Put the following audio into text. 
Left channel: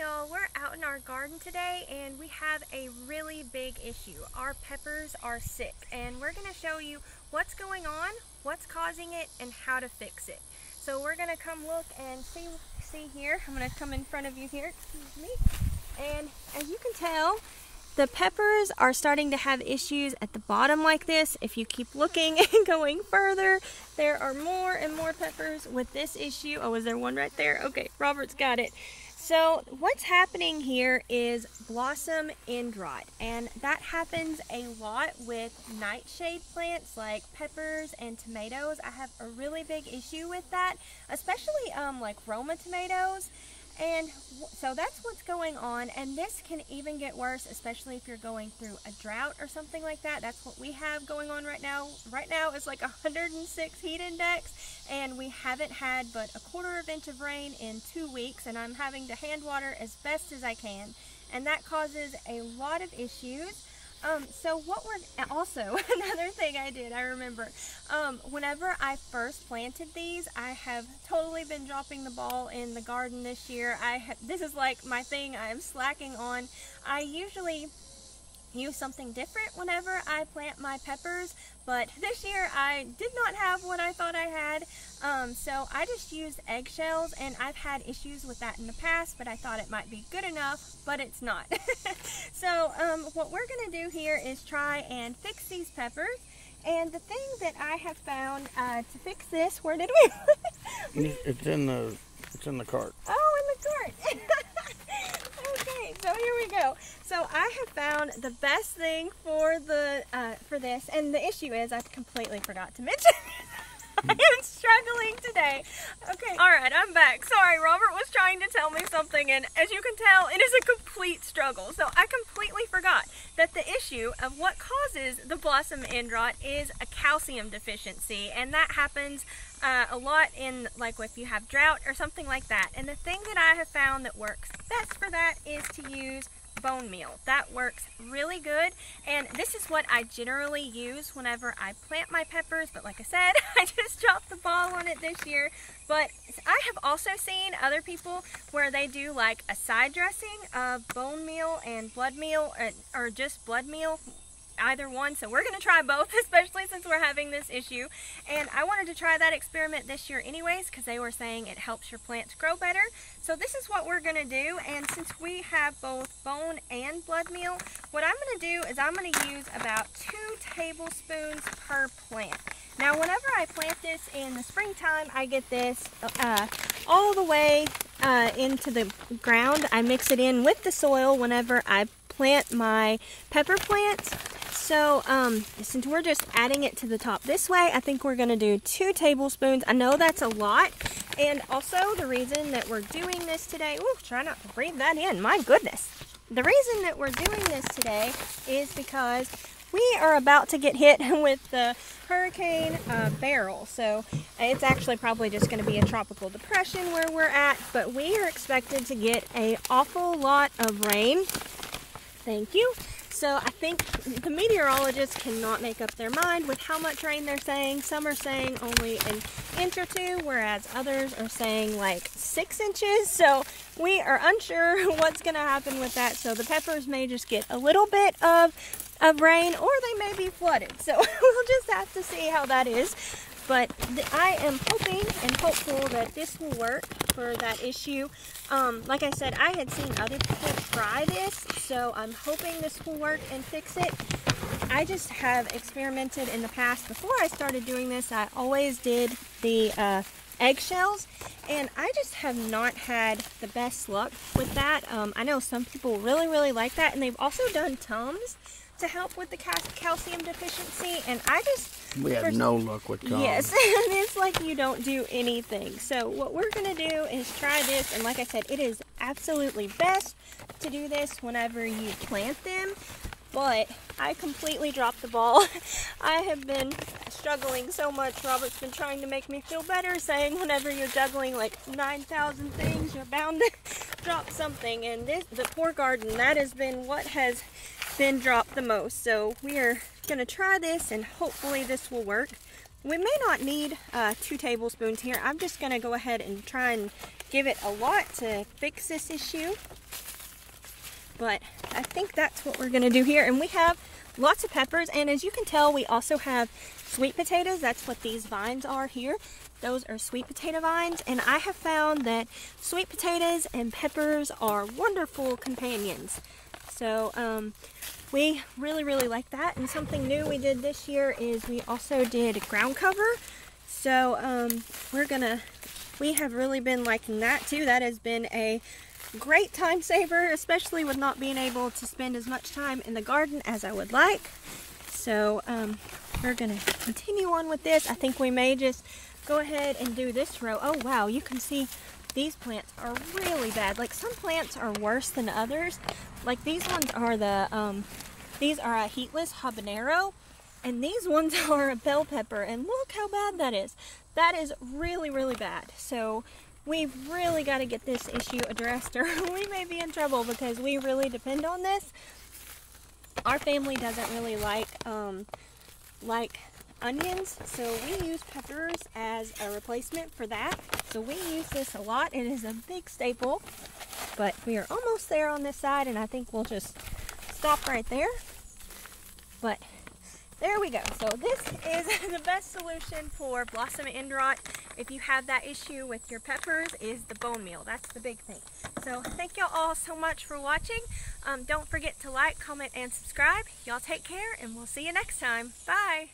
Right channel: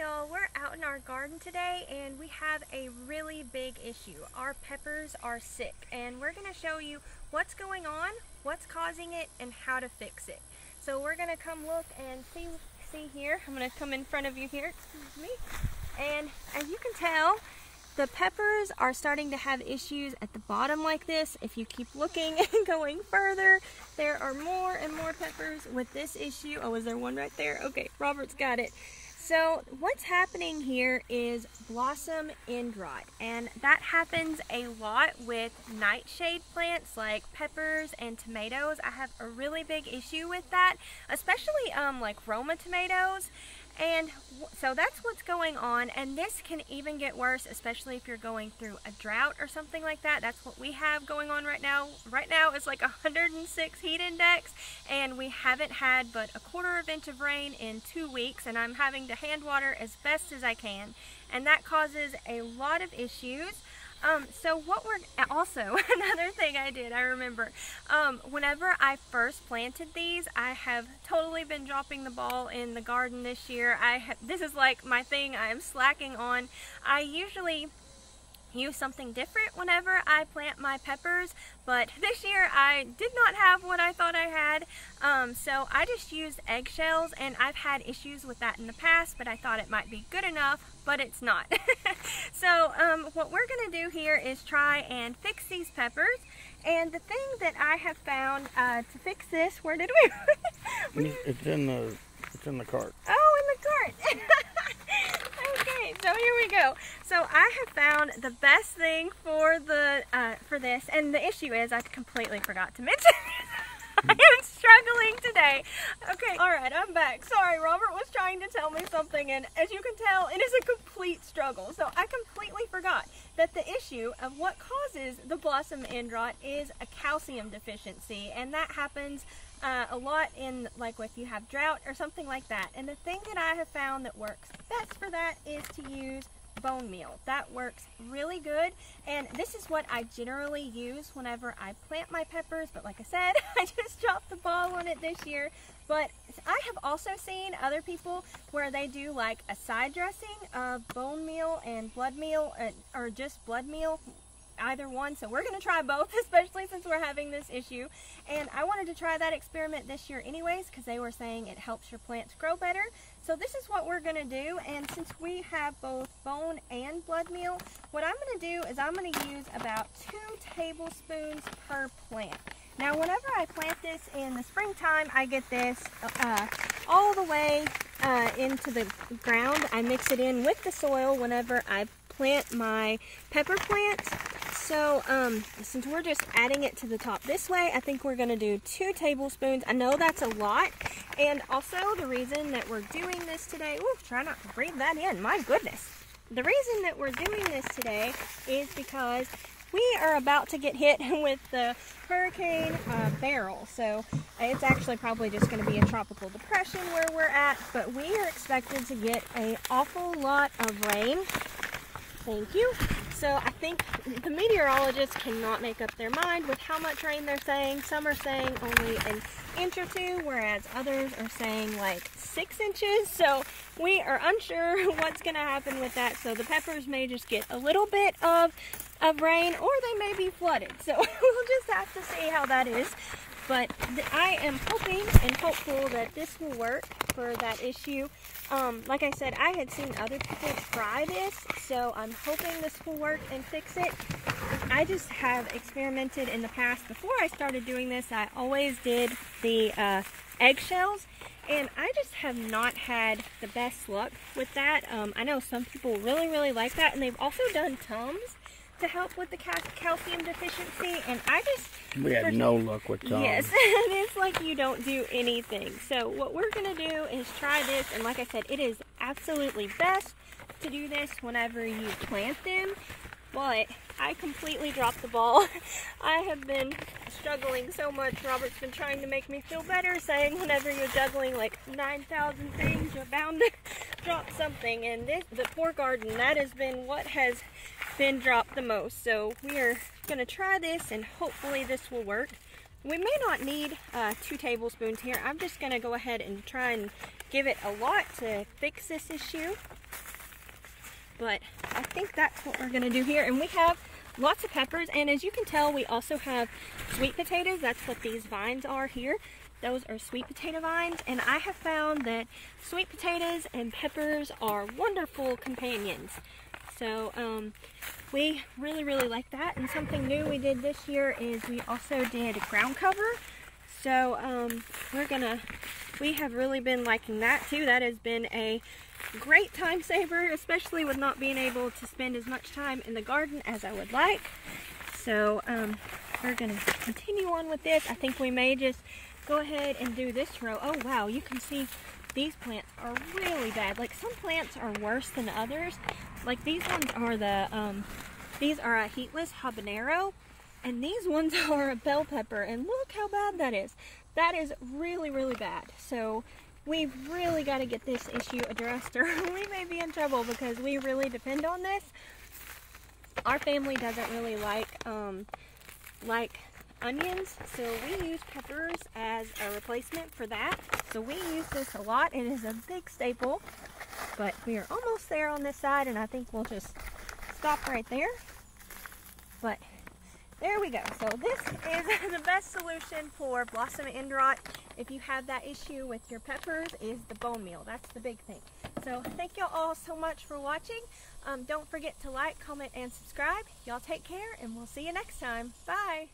y'all, we're out in our garden today and we have a really big issue. Our peppers are sick and we're going to show you what's going on, what's causing it, and how to fix it. So we're going to come look and see here. I'm going to come in front of you here, excuse me. And as you can tell, the peppers are starting to have issues at the bottom like this. If you keep looking and going further, there are more and more peppers with this issue. Oh, is there one right there? Okay, Robert's got it. So what's happening here is blossom end rot, and that happens a lot with nightshade plants like peppers and tomatoes. I have a really big issue with that, especially like Roma tomatoes. And so that's what's going on, and this can even get worse, especially if you're going through a drought or something like that. That's what we have going on right now. Right now it's like 106 heat index, and we haven't had but a quarter inch of rain in 2 weeks, and I'm having to hand water as best as I can, and that causes a lot of issues. So what we're also, another thing I remember, whenever I first planted these, I have totally been dropping the ball in the garden this year. This is like my thing I am slacking on. I usually use something different whenever I plant my peppers, but this year I did not have what I thought I had, so I just used eggshells, and I've had issues with that in the past, but I thought it might be good enough, but it's not. So what we're going to do here is try and fix these peppers, and the thing that I have found to fix this, where did we? It's in the cart. Oh, in the cart. Okay, so here we go. So I have found the best thing for this, and the issue is I completely forgot to mention I am struggling today. Okay, alright, I'm back. Sorry, Robert was trying to tell me something, and as you can tell, it is a complete struggle. So I completely forgot that the issue of what causes the blossom end rot is a calcium deficiency, and that happens a lot in, like, if you have drought or something like that. And the thing that I have found that works best for that is to use bone meal. That works really good, and this is what I generally use whenever I plant my peppers, but like I said, I just dropped the ball on it this year. But I have also seen other people where they do like a side dressing of bone meal and blood meal, or just blood meal, either one. So we're going to try both, especially since we're having this issue. And I wanted to try that experiment this year anyways, because they were saying it helps your plants grow better. So this is what we're going to do, and since we have both bone and blood meal, what I'm going to do is I'm going to use about 2 tablespoons per plant. Now whenever I plant this in the springtime, I get this all the way into the ground. I mix it in with the soil whenever I plant my pepper plants. So since we're just adding it to the top this way, I think we're going to do 2 tablespoons. I know that's a lot, and also the reason that we're doing this today, ooh, try not to breathe that in, my goodness. The reason that we're doing this today is because we are about to get hit with the Hurricane Beryl. So it's actually probably just going to be a tropical depression where we're at, but we are expected to get an awful lot of rain. Thank you. So I think the meteorologists cannot make up their mind with how much rain they're saying. Some are saying only an inch or 2, whereas others are saying like 6 inches. So we are unsure what's going to happen with that. So the peppers may just get a little bit of rain, or they may be flooded. So we'll just have to see how that is. But I am hoping and hopeful that this will work for that issue. Like I said, I had seen other people try this, so I'm hoping this will work and fix it. I just have experimented in the past. Before I started doing this, I always did the eggshells, and I just have not had the best luck with that. I know some people really like that, and they've also done Tums to help with the calcium deficiency, and we had no luck with Tums. Yes, it's like you don't do anything. So what we're going to do is try this, and like I said, it is absolutely best to do this whenever you plant them, but I completely dropped the ball. I have been struggling so much. Robert's been trying to make me feel better, saying whenever you're juggling like 9,000 things, you're bound to drop something, and the poor garden, that has been what has been dropped the most. So we are going to try this, and hopefully this will work. We may not need 2 tablespoons here. I'm just going to go ahead and try and give it a lot to fix this issue. But I think that's what we're going to do here. And we have lots of peppers, and as you can tell, we also have sweet potatoes. That's what these vines are here. Those are sweet potato vines, and I have found that sweet potatoes and peppers are wonderful companions. So we really like that. And something new we did this year is we also did ground cover. So we have really been liking that too. That has been a great time saver, especially with not being able to spend as much time in the garden as I would like. So we're gonna continue on with this. I think we may just go ahead and do this row. Oh wow, you can see these plants are really bad. Like, some plants are worse than others. Like, these ones are these are a heatless habanero, and these ones are a bell pepper, and look how bad that is. That is really bad. So we've really got to get this issue addressed, or we may be in trouble, because we really depend on this. Our family doesn't really like onions, so we use peppers as a replacement for that. So we use this a lot. It is a big staple, but we are almost there on this side, and I think we'll just stop right there. But there we go. So this is the best solution for blossom end rot. If you have that issue with your peppers, is the bone meal. That's the big thing. So thank y'all all so much for watching. Don't forget to like, comment, and subscribe. Y'all take care, and we'll see you next time. Bye.